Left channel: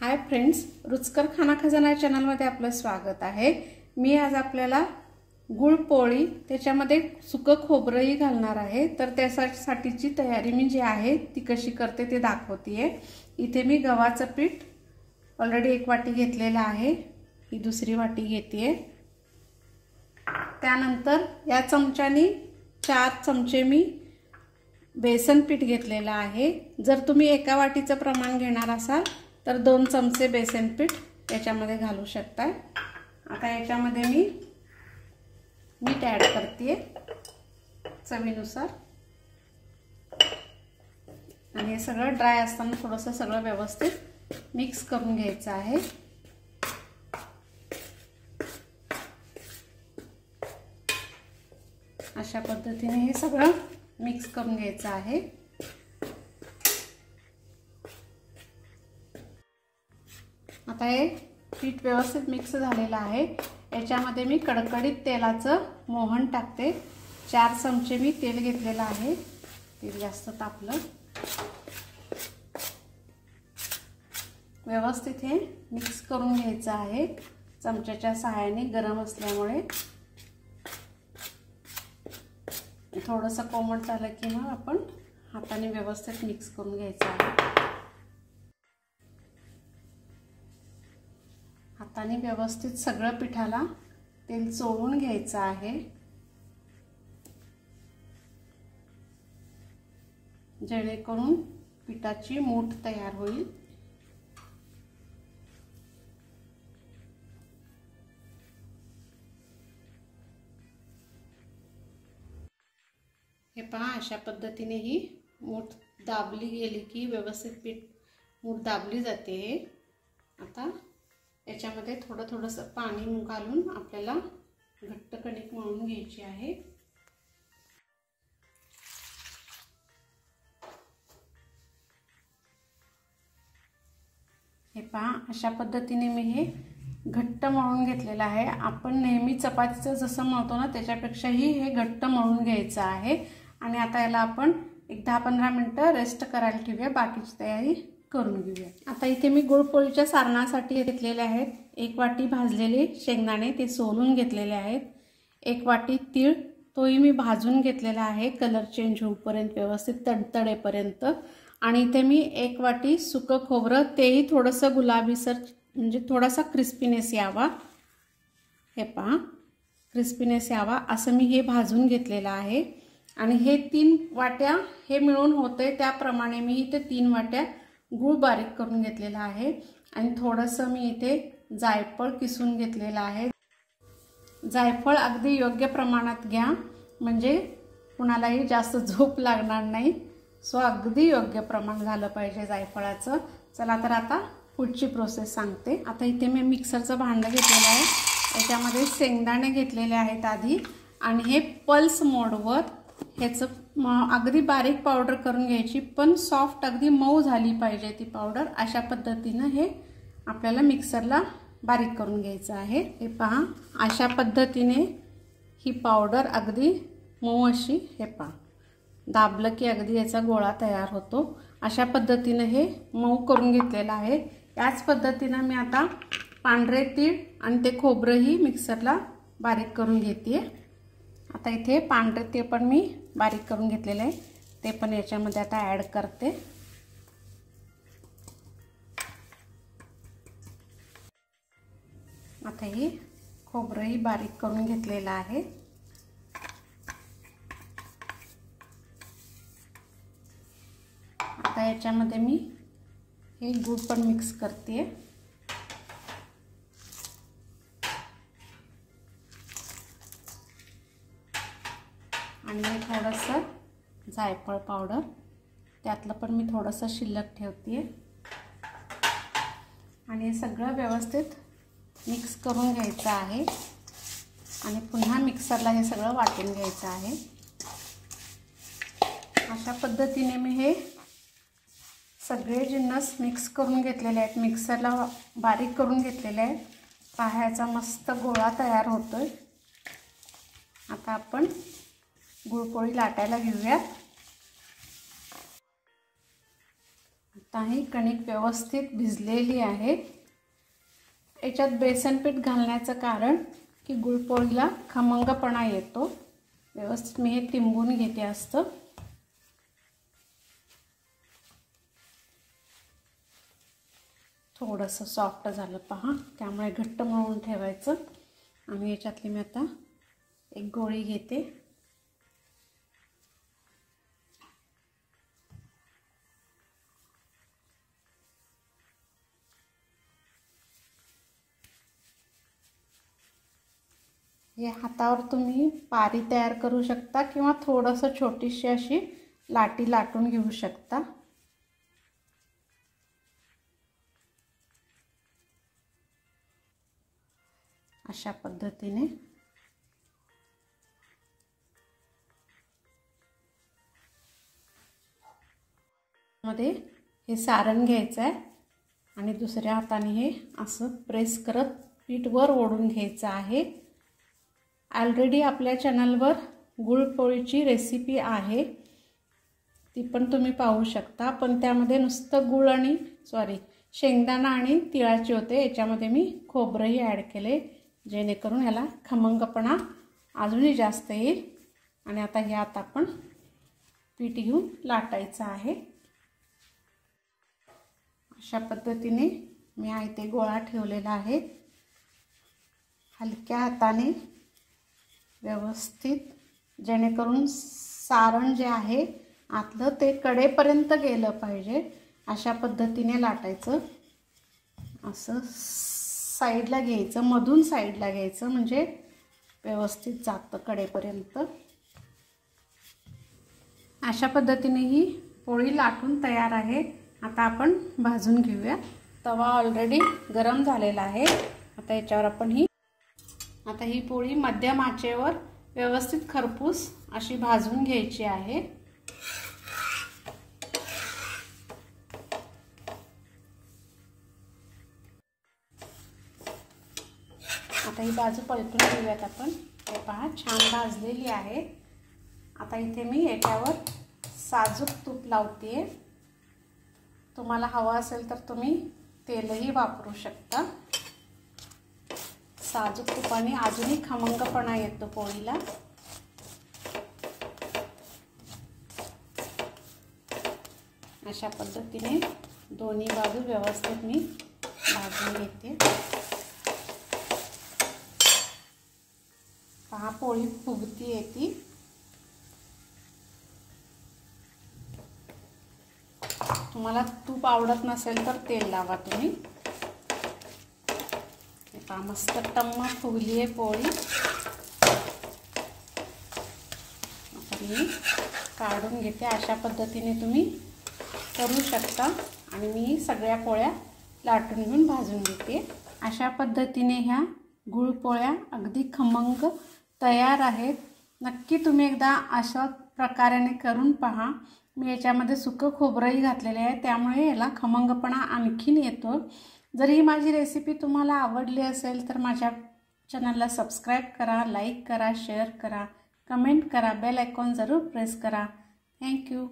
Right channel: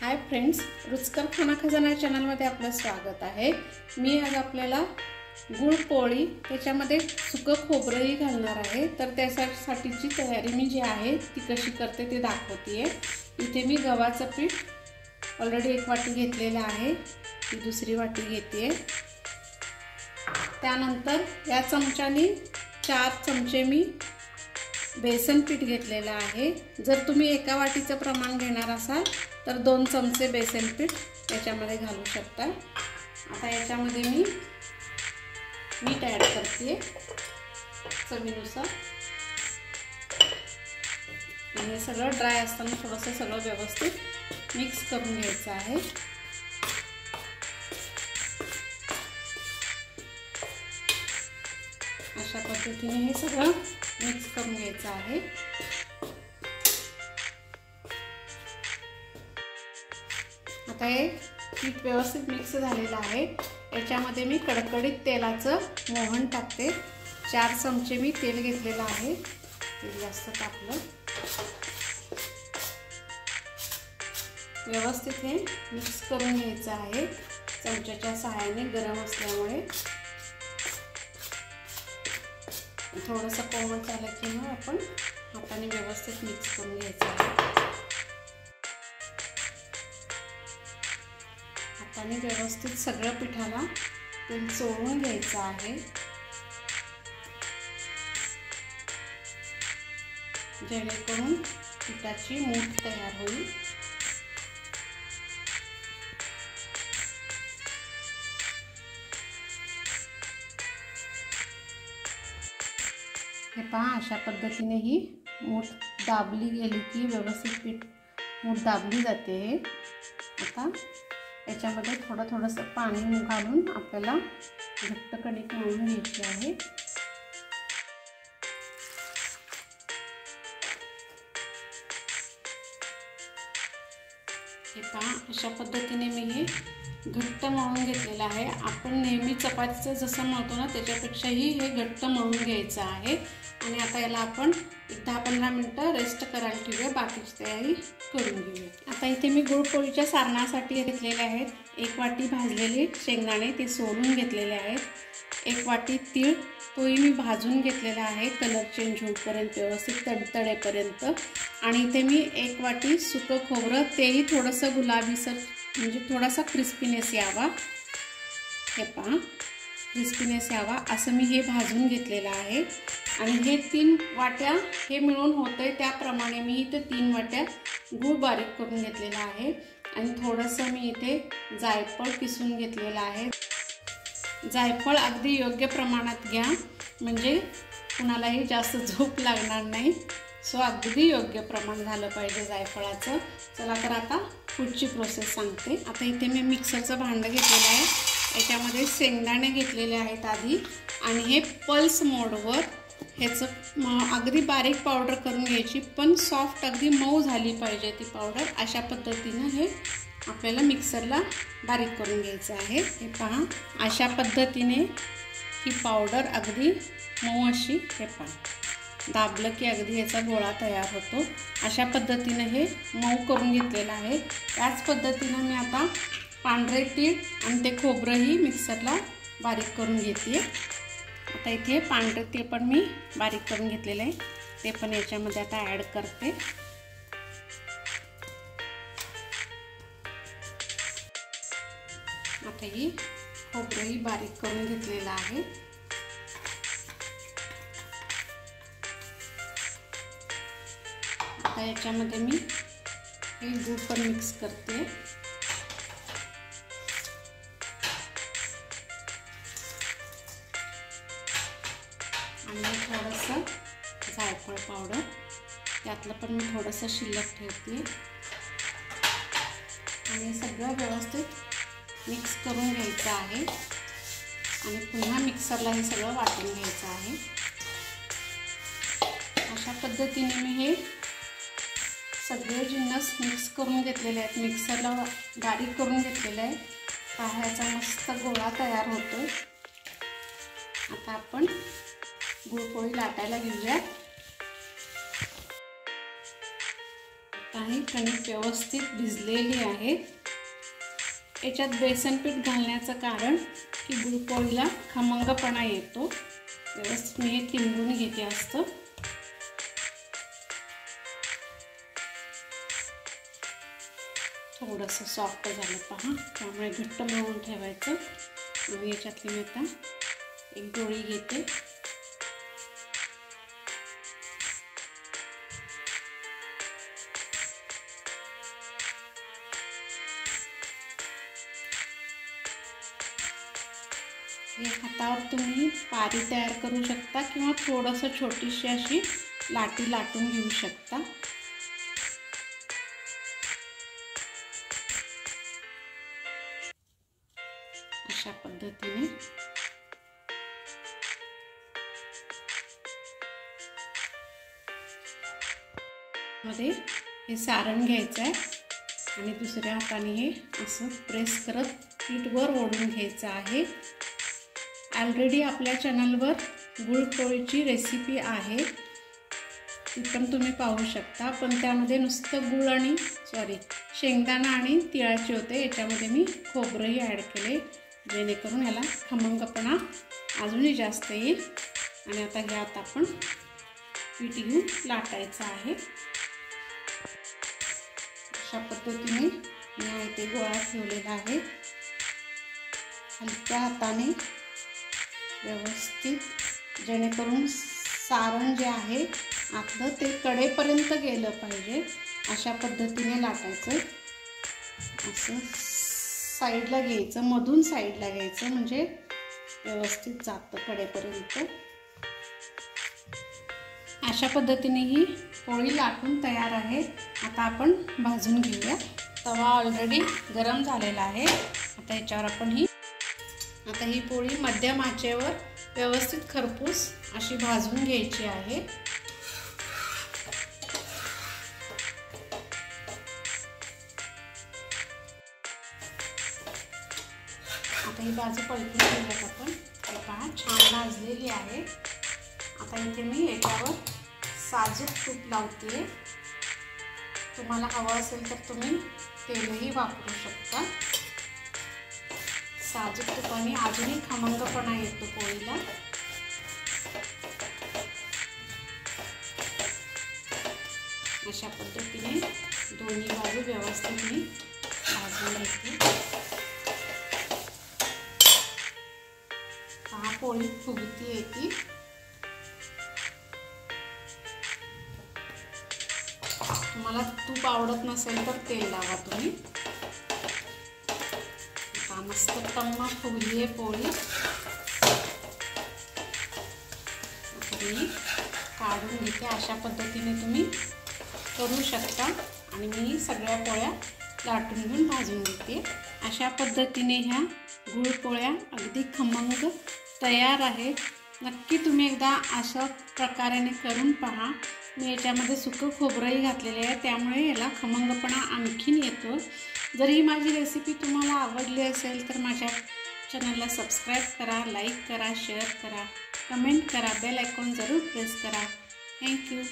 Hi friends, रुचकर खाना खजाना चॅनलमध्ये आपलं स्वागत आहे। मी आज आपल्याला गुळ पोळी त्याच्यामध्ये सुकं खोबरंही घालणार आहे। तर त्यासाठीची तयारी मी जी आहे ती कशी करते ते दाखवते। इथे मी गव्हाचं पीठ ऑलरेडी 1 वाटी घेतलेलं आहे, ही दुसरी वाटी घेते। त्यानंतर या चमच्याने 4 चमचे मी बेसन पीठ घेतलेलं आहे। जर तुम्ही एका वाटीचं प्रमाण घेणार असाल तर 2 चमचे बेसन पीठ याच्यामध्ये घालू शकता। आता याच्यामध्ये मी मीठ ॲड करते चवीनुसार। आणि हे सगळं ड्राय असताना थोडंसं सगळं व्यवस्थित मिक्स करून घ्यायचं आहे। अशा पद्धतीने हे सगळं मिक्स करून घ्यायचं आहे। आता हे पीठ व्यवस्थित मिक्स झालेलं आहे। याच्यामध्ये मी कडकडीत तेलाचं मोहन टाकते। 4 चमचे मी तेल घेतलेलं आहे, तेल जास्त तापलं। व्यवस्थित हे मिक्स करून घ्यायचं आहे चमच्याच्या सहाय्याने, गरम असल्यामुळे। थोडंसं कोमट झालं की मग आपण हाताने व्यवस्थित मिक्स करून घ्यायचं आहे। हाताने व्यवस्थित सगळं पिठाला तेल चोळून घ्यायचं आहे, जेणेकरून पिठाची मूठ तयार होईल। हे पहा, अशा पद्धतीने ही मूठ दाबली गेली की व्यवस्थित पीठ मूठ दाबली जाते। आता याच्यामध्ये थोडंसं पाणी घालून आपल्याला घट्ट कणिक मळून घ्यायची आहे। हे पहा, अशा पद्धतीने मी हे घट्ट मळून घेतलेलं आहे। आपण नेहमी चपातीचं जसं मळतो ना त्याच्यापेक्षाही हे घट्ट मळून घ्यायचं आहे। आणि आता याला आपण एक 10-15 मिनिटं रेस्ट करायला ठेवूया, बाकीची तयारी करून घेऊया। आता इथे मी गुळपोळीच्या सारणासाठी घेतलेले आहेत 1 वाटी भाजलेले शेंगदाणे, ते सोलून घेतलेले आहेत। 1 वाटी तीळ, तोही मी भाजून घेतलेला आहे कलर चेंज होईपर्यंत, व्यवस्थित तडतडेपर्यंत। आणि इथे मी 1 वाटी सुकं खोबरं, तेही थोडंसं गुलाबीसर म्हणजे थोडासा क्रिस्पीनेस यावा, हे पहा क्रिस्पीनेस यावा असं मी हे भाजून घेतलेलं आहे। आणि हे 3 वाट्या हे मिळून होते त्याप्रमाणे मी इथे 3 वाट्या गूळ बारीक करून घेतलेला आहे। आणि थोडंसं मी इथे जायफळ किसून घेतलेलं आहे। जायफळ अगदी योग्य प्रमाणात घ्या, म्हणजे कुणालाही जास्त झोप लागणार नाही। सो अगदी योग्य प्रमाण झालं पाहिजे जायफळाचं। चला तर आता पुढची प्रोसेस सांगते। आता इथे मी मिक्सरचं भांडं घेतलेलं आहे, याच्यामध्ये शेंगदाणे घेतलेले आहेत आधी। आणि हे पल्स मोडवर ह्याचं अगदी बारीक पावडर करून घ्यायची, पण सॉफ्ट अगदी मऊ झाली पाहिजे ती पावडर। अशा पद्धतीनं हे आपल्याला मिक्सरला बारीक करून घ्यायचं आहे। हे पहा, अशा पद्धतीने ही पावडर अगदी मऊ अशी, हे पहा दाबलं की अगदी याचा गोळा तयार होतो। अशा पद्धतीनं हे मऊ करून घेतलेलं आहे। त्याच पद्धतीनं मी आता पांढरे तीळ आणि ते खोबरंही मिक्सरला बारीक करून घेते। आता इथे पांढरे ते पण मी बारीक करून घेतलेलं आहे, ते पण याच्यामध्ये आता ॲड करते। आता ही खोबरंही बारीक करून घेतलेलं आहे। आता याच्यामध्ये मी हे गूळ पण मिक्स करते। आणि थोडंसं जायफळ पावडर, त्यातलं पण मी थोडंसं शिल्लक ठेवते। आणि हे सगळं व्यवस्थित मिक्स करून घ्यायचं आहे। आणि पुन्हा मिक्सरला हे सगळं वाटून घ्यायचं आहे। अशा पद्धतीने मी हे सगळे जिन्नस मिक्स करून घेतलेले आहेत, मिक्सरला बारीक करून घेतलेले आहेत। पाह्याचा मस्त गोळा तयार होतोय। आता आपण गुळपोळी लाटायला घेऊया। काही कणिक व्यवस्थित भिजलेली आहे। याच्यात बेसन पीठ घालण्याचं कारण की गुळपोळीला खमंगपणा येतो। व्यवस्थित मी हे तिंबून घेते असतं। थोडंसं सॉफ्ट झालं पहा, त्यामुळे घट्ट मळून ठेवायचं। आणि याच्यातली मी आता एक गोळी घेते। या हातावर तुम्ही पारी तयार करू शकता किंवा थोडंसं छोटीशी अशी लाटी लाटून घेऊ शकता। अशा पद्धतीने मध्ये हे सारण घ्यायचं आहे आणि दुसऱ्या हाताने हे असं प्रेस करत पीठ वर ओढून घ्यायचं आहे। ऑलरेडी आपल्या चॅनलवर गुळपोळीची रेसिपी आहे, ती पण तुम्ही पाहू शकता। पण त्यामध्ये नुसतं गुळ आणि शेंगदाणा आणि तिळाचे होते। याच्यामध्ये मी खोबरंही ॲड केले, जेणेकरून याला खमंगपणा अजूनही जास्त येईल। आणि आता ह्यात आपण पीठ घेऊन लाटायचं आहे। अशा पद्धतीने मी इथे गोळा ठेवलेला आहे। हलक्या हाताने व्यवस्थित, जेणेकरून सारण जे आहे आतलं ते कडेपर्यंत गेलं पाहिजे, अशा पद्धतीने लाटायचं। असं साईडला घ्यायचं, मधून साईडला घ्यायचं, म्हणजे व्यवस्थित जातं कडेपर्यंत। अशा पद्धतीने ही पोळी लाटून तयार आहे। आता आपण भाजून घेऊया। तवा ऑलरेडी गरम झालेला आहे। आता याच्यावर आपण ही पोळी मध्यम आचेवर व्यवस्थित खरपूस अशी भाजून घ्यायची आहे। आता ही बाजू पलटून घेऊयात आपण। हे पहा, छान भाजलेली आहे। आता इथे मी याच्यावर साजूक तूप लावते। तुम्हाला हवं असेल तर तुम्ही तेलही वापरू शकता। साजूक तुपाने अजूनही खमंगपणा येतो पोळीला। अशा पद्धतीने दोन्ही बाजू व्यवस्थित मी भाजून घेते। पहा, पोळी फुगती येते। तुम्हाला तूप आवडत नसेल तर तेल लावा तुम्ही। मस्त टम्म फुगली आहे पोळी। मी काढून घेते। अशा पद्धतीने तुम्ही करू शकता। आणि मी सगळ्या पोळ्या लाटून घेऊन भाजून घेते। अशा पद्धतीने ह्या गुळपोळ्या अगदी खमंग तयार आहेत। नक्की तुम्ही एकदा अशा प्रकाराने करून पहा। मी याच्यामध्ये सुकं खोबरंही घातलेले आहे, त्यामुळे याला खमंगपणा आणखीन येतो। जर ही माझी रेसिपी तुम्हाला आवडली असेल तर माझ्या चॅनलला सबस्क्राईब करा, लाईक करा, शेअर करा, कमेंट करा, बेल आयकॉन जरूर प्रेस करा। थँक्यू।